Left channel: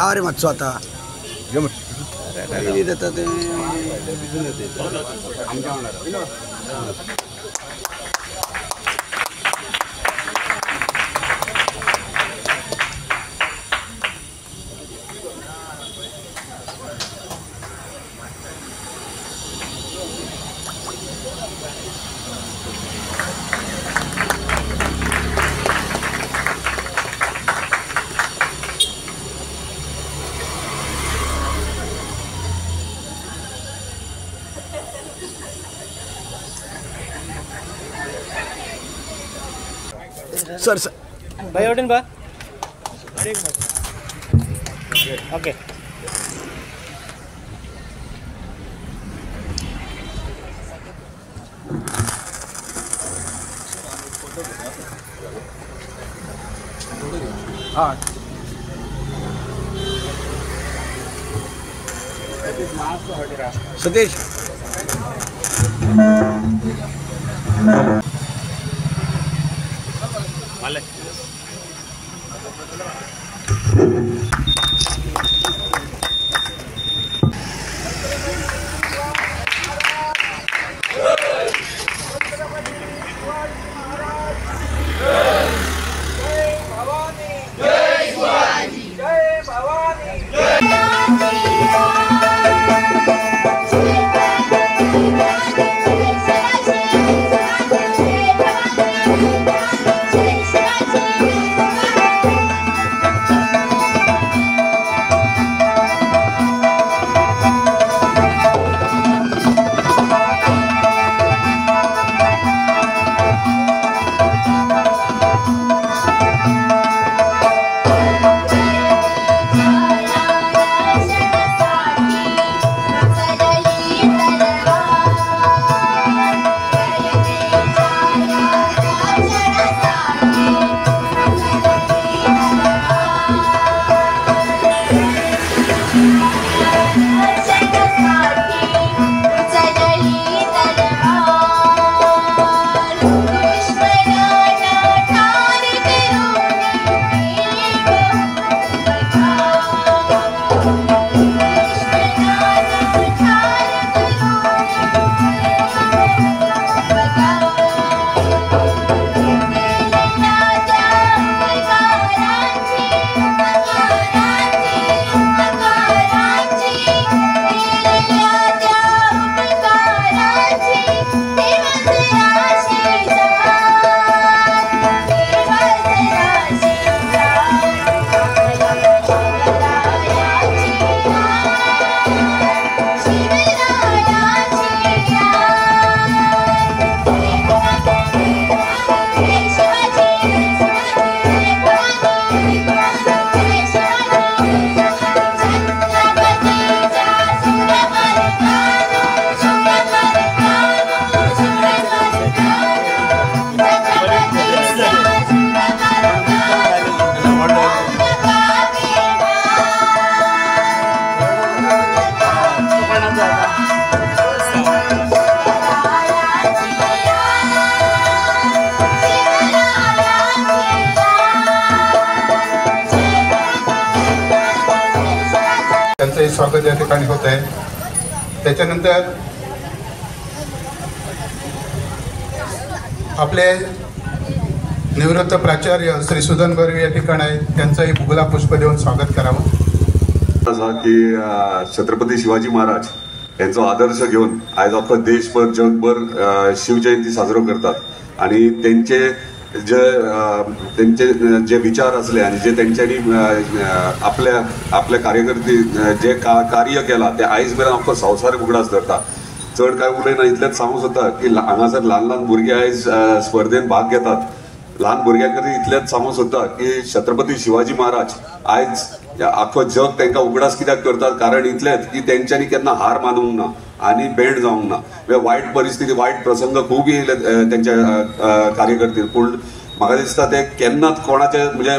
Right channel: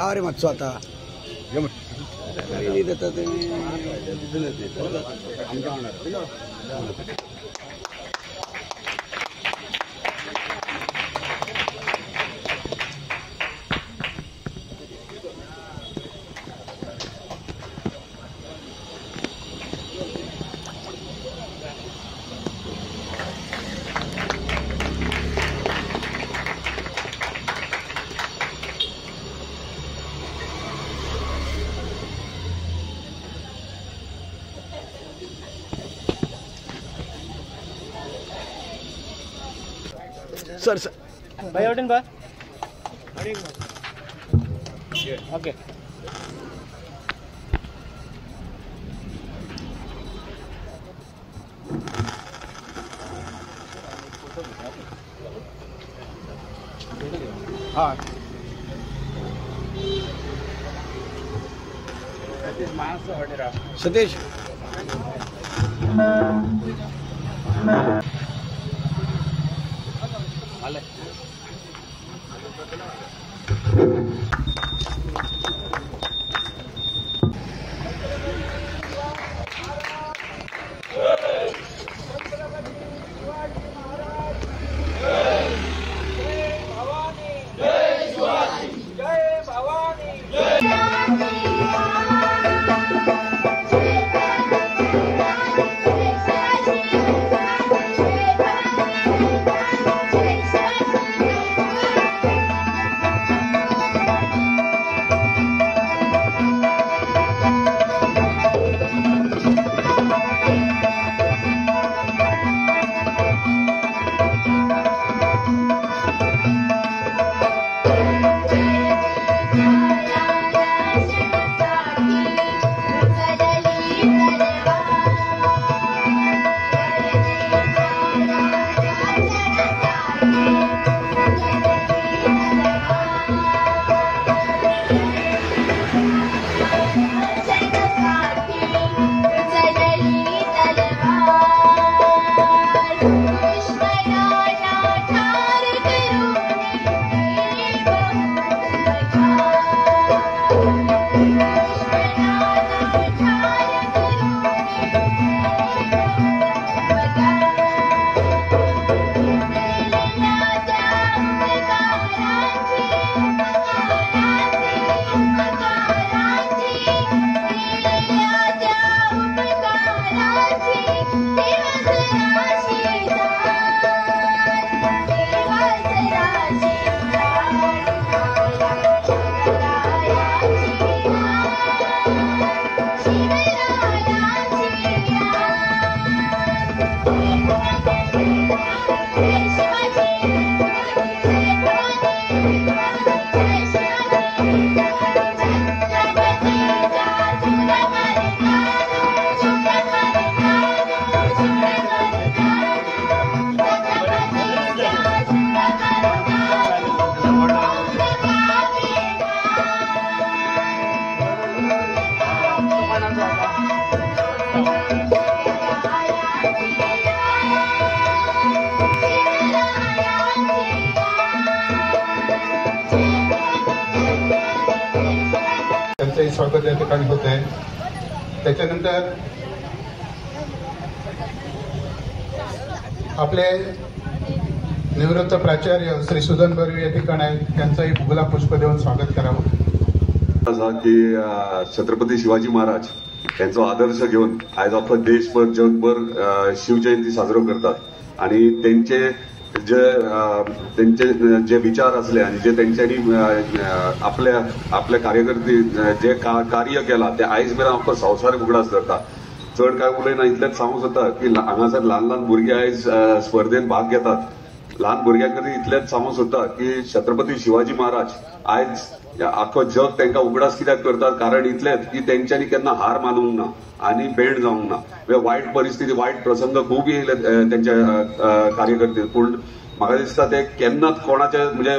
राव रे मातसो आता सर भाई ओटन बा ओके हाँ सुदेश त्यांचंही स्वागत या ठिकाणी होत आहे। त्याच्यानंतर आपले निवृत्त प्राचार्य श्री सुदन बर्वे या ठिकाणी आहेत, त्यांचंही भुगला पुष्प देऊन स्वागत करावं। की छत्रपती शिवाजी महाराज यांचा आदर्श घेऊन आज अख्खा देशभर जगभर शिवजयंती साजरा करतात आणि त्यांचे जे विचार असले आणि जे त्यांच्यानी आपल्या कार्यकर्ते जे कार्य केला ते आयज मेरेन अख्खो संवसार उगडास धरता। चड काय उलयना इतलेंच सांगूंक सोदता की हांगासर ल्हान ल्हान भुरगे आयज स्पर्धेन भाग घेतात। ल्हान भुरग्यां खातीर इतलेंच सांगूंक सोदता की छत्रपती शिवाजी महाराज आयज आख्खो जग तांकां उगडास कित्याक करतात कारण इतलेंच की तेंच्यांनी केन्ना हार मानूंक ना आनी बेंड जावंक ना। वायट परिस्थिती वायट प्रसंग खूब येयले तेंच्या कार्यकर्ते पूण म्हाका दिसता ते केन्नाच कोणाचे म्हणजे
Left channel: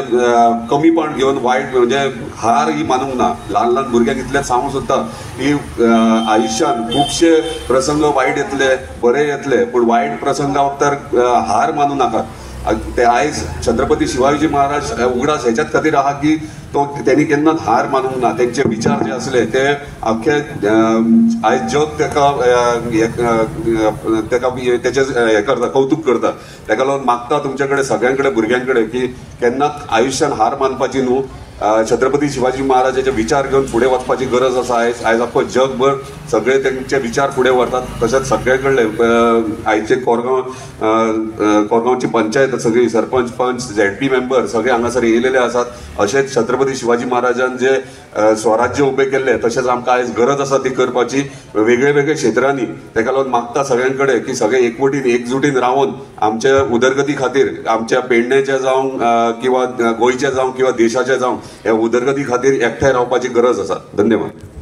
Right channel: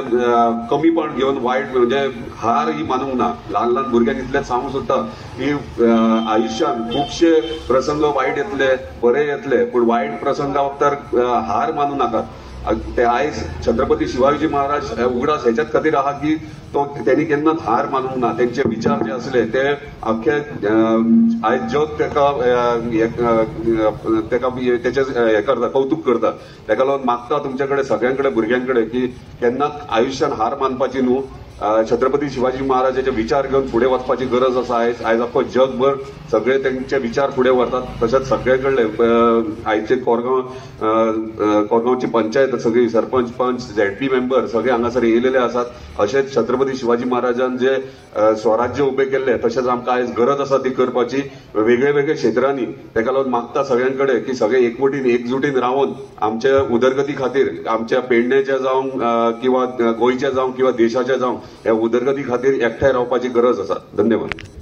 कमीपण घेवन वायट म्हणजे हार ही मानूंक ना। ल्हान ल्हान भुरग्यांक इतलेंच सांगूंक सोदता की आयुश्यान खुबशे प्रसंग वायट येतले बरे येतले पूण वायट प्रसंगाक तर हार मानूं नाकात। ते आयज छत्रपती शिवाजी महाराज उगडास हेच्यात खातीर आहा की तो त्यांनी केन्नाच हार मानूंक ना. त्यांचे विचार जे असले ते अख्खे आयज जग त्याचे हे करता, कौतुक करता. ताका लागून मागता तुमचे कडेन सगळ्यांकडे भुरग्यांकडे की केन्नाच आयुश्यान हार मानपाची न्हू. छत्रपती शिवाजी महाराजाचे विचार घेऊन पुढे वचपाची गरज आसा. आयज अख्खो जगभर सगळे त्यांचे विचार पुढे व्हरतात. तशेंच सगळे कडले आयचे कोरगांवची पंचायत सगळी सरपंच पंच ZP मेंबर सगळे हांगासर येयलेले आसात. अशेंच छत्रपती शिवाजी महाराजान जे स्वराज्य उभे केल्ले तशेंच आमकां आयज गरज आसा ती करपाची वेगळे वेगळे क्षेत्रांनी. ताका लागून मागता सगळ्यांकडे की सगळे एकवटीन एकजुटीन रावन आमच्या उदरगती खातीर, आमच्या पेडण्याच्या जावं किंवा गोंयच्या जावं किंवा देशाच्या जावं ह्या उदरगती खातीर एकठांय रावपाची गरज आसा. धन्यवाद.